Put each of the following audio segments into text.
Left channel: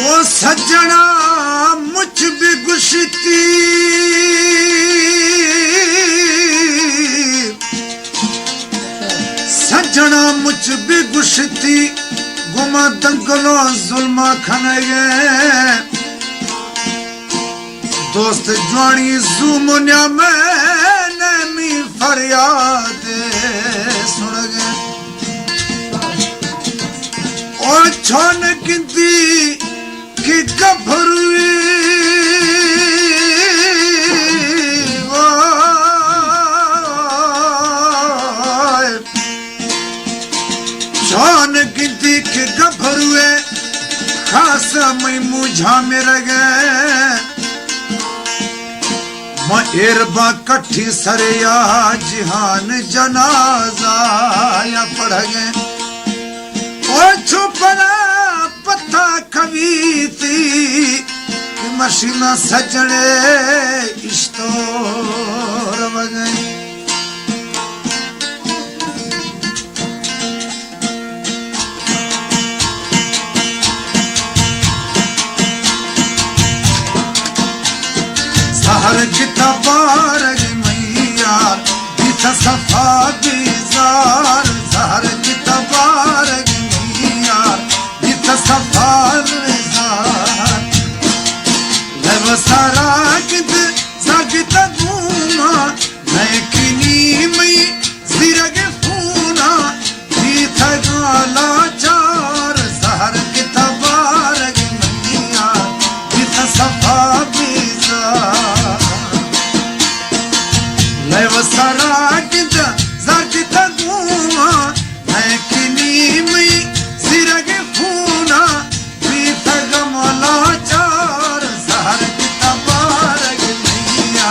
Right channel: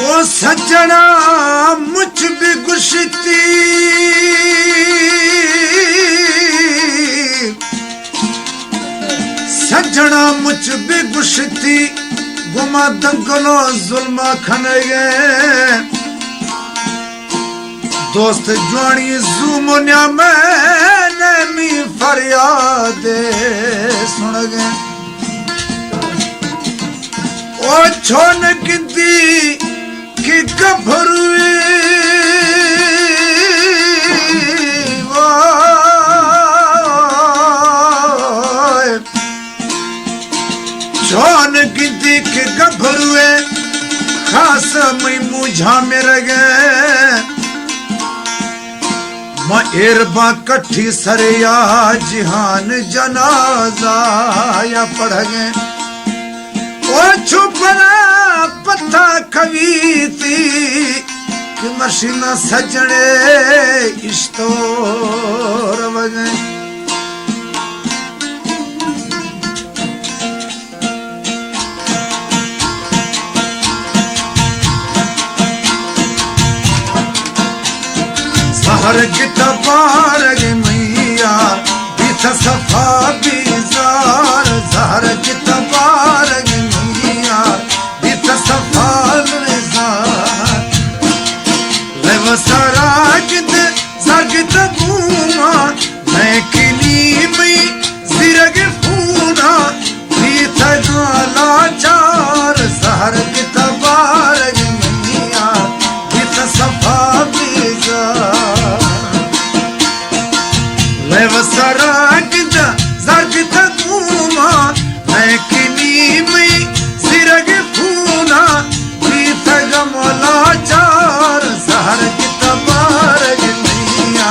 ओ सजना मुझ भी गुशती सजना मुझ भी गुशती गुमा दंगलो जुल्मा खनगे दोस्त जवानी जुमुन्या मैंने मी फरियाद सुन गए ओ छोन किंती की गभरू छोन किंती की गभरू खास मई मुझा मेरे गए एरबा कट्ठी सरिया जिहान जनाजा या पढ़ गए ओ छुपरा पत्ता कवीती मशीना सजने इश्तोर वजन सहर किताबार गे मैया बीच सफा बीजार सहर किताबार गे मैया बीच सफा बीजार लेवसारा किते जागता गुमा मैं किनी में जिरगे फूना बीच गाला चार सहर किताबार गे मैया बीच सफा लेवसारा किता जागता गुमा मैं किनी में जिरगे फूना बीच गमला चार सहर किताबार गे मैया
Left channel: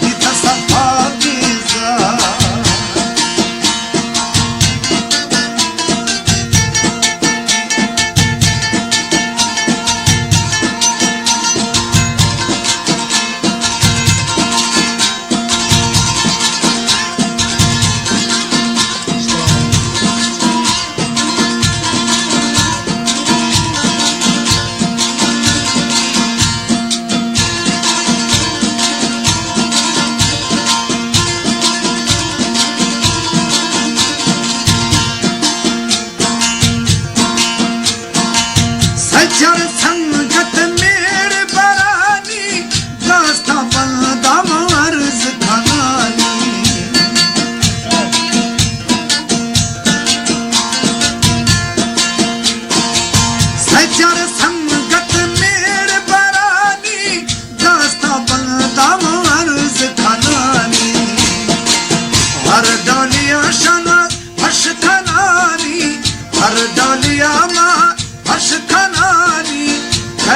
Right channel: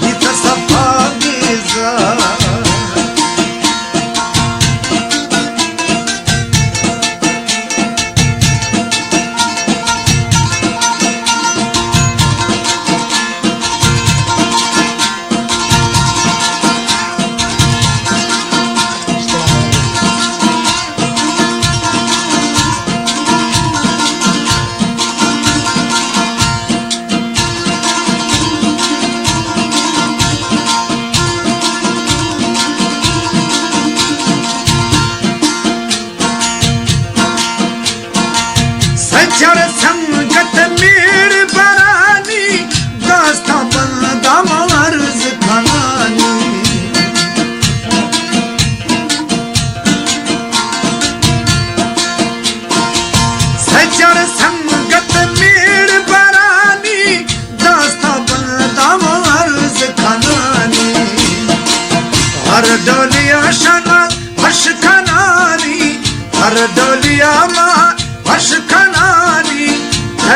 बीच सफा बीजार सजर संगत मेरे बरानी दास्ता बंदा मार्ज खानी सजर संगत मेरे बरानी दास्ता बंदा मार्ज खानी हर डोलिया शना हर्ष खनानी हर डोलिया माँ हर्ष खनानी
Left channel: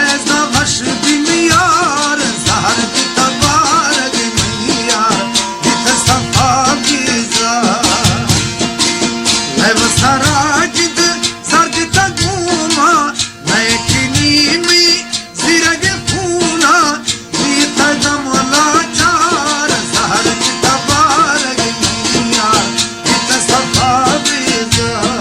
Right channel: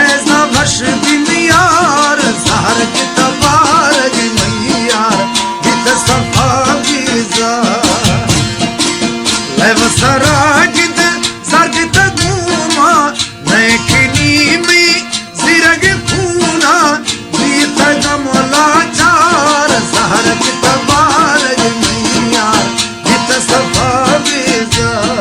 ऐसा भश दुनियार सहर किताबार गे मैया बीच सफा बीजार लेवसारा किते जागता गुमा मैं किनी में जिरगे फूना बीच गमला चार सहर किताबार गे मैया बीच सफा बीजार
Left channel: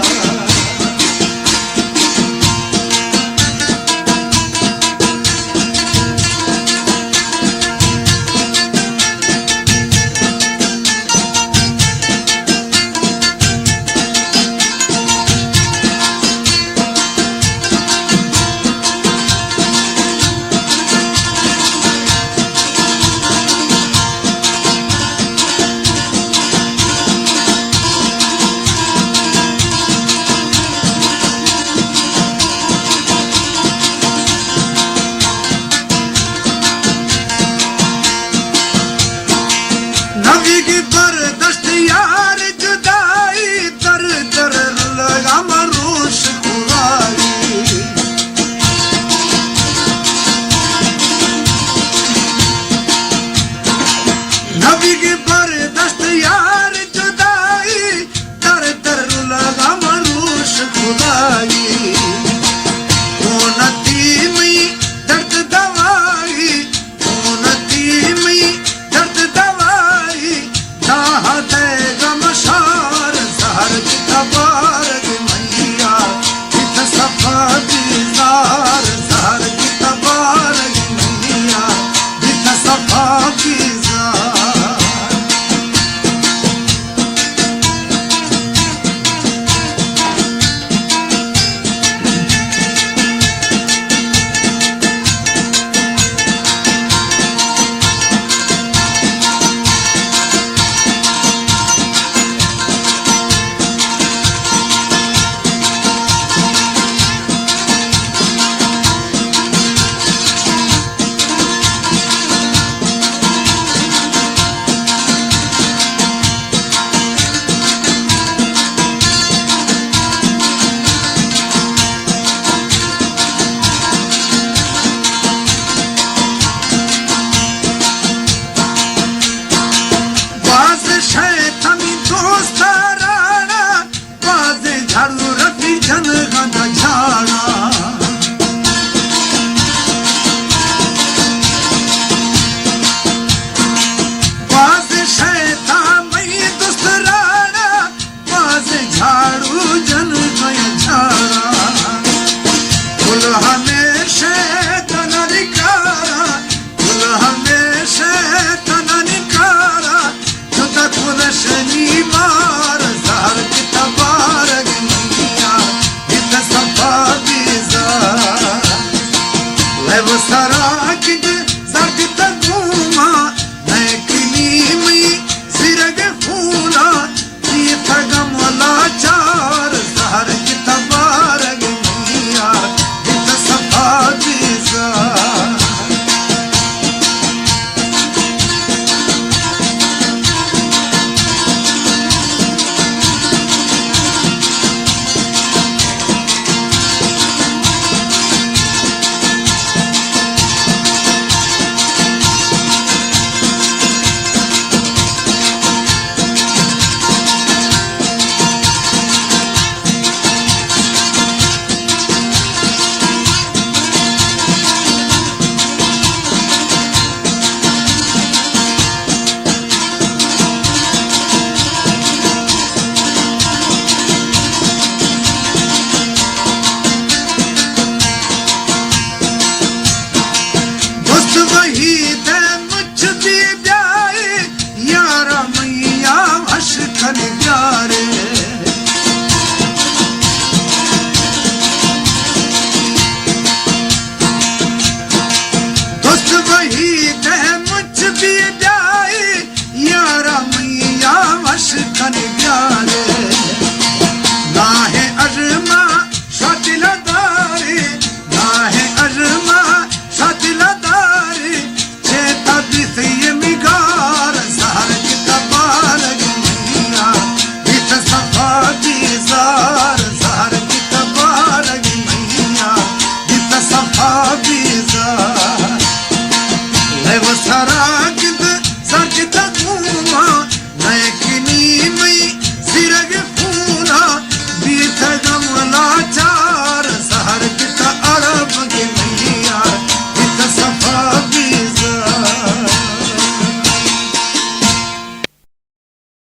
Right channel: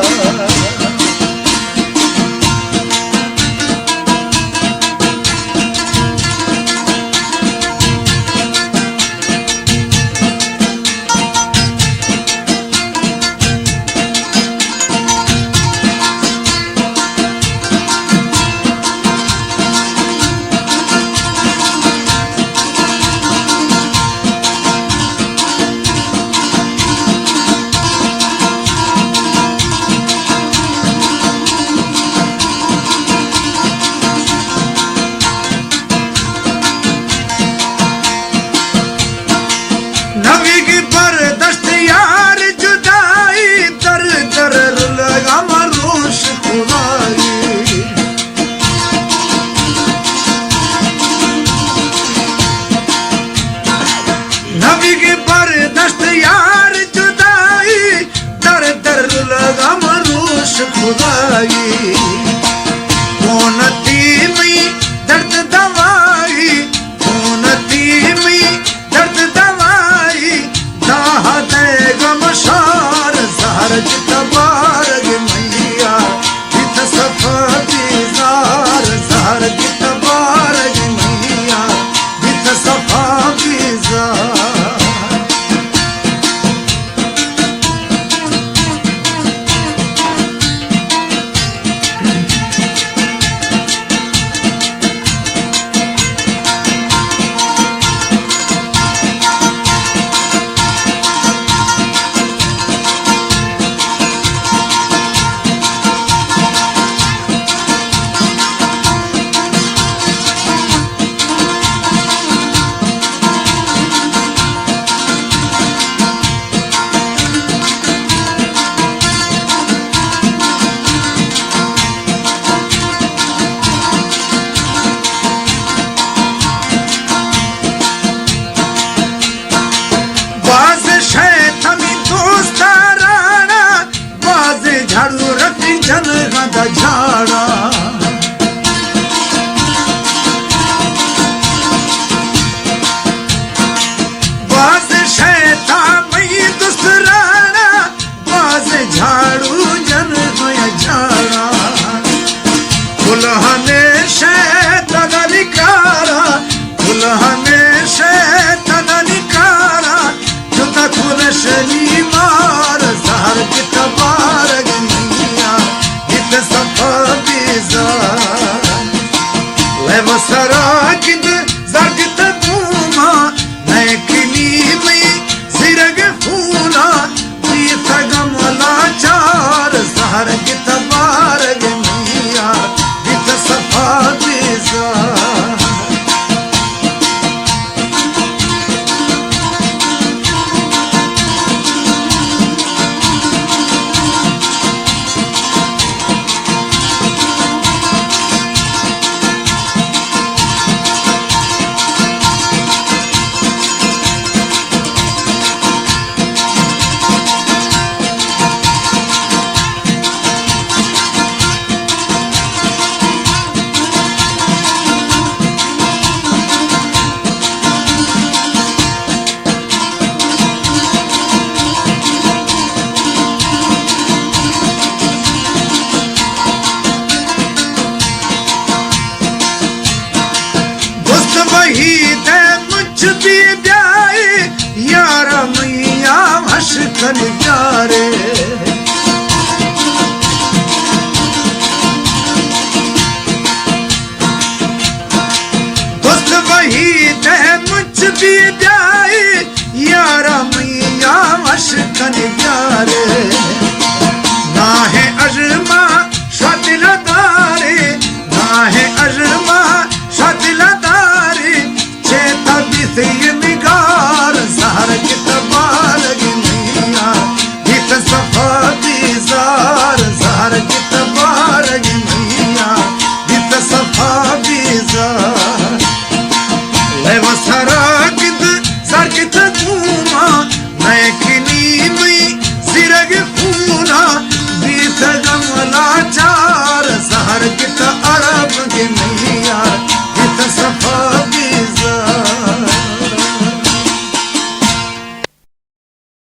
वही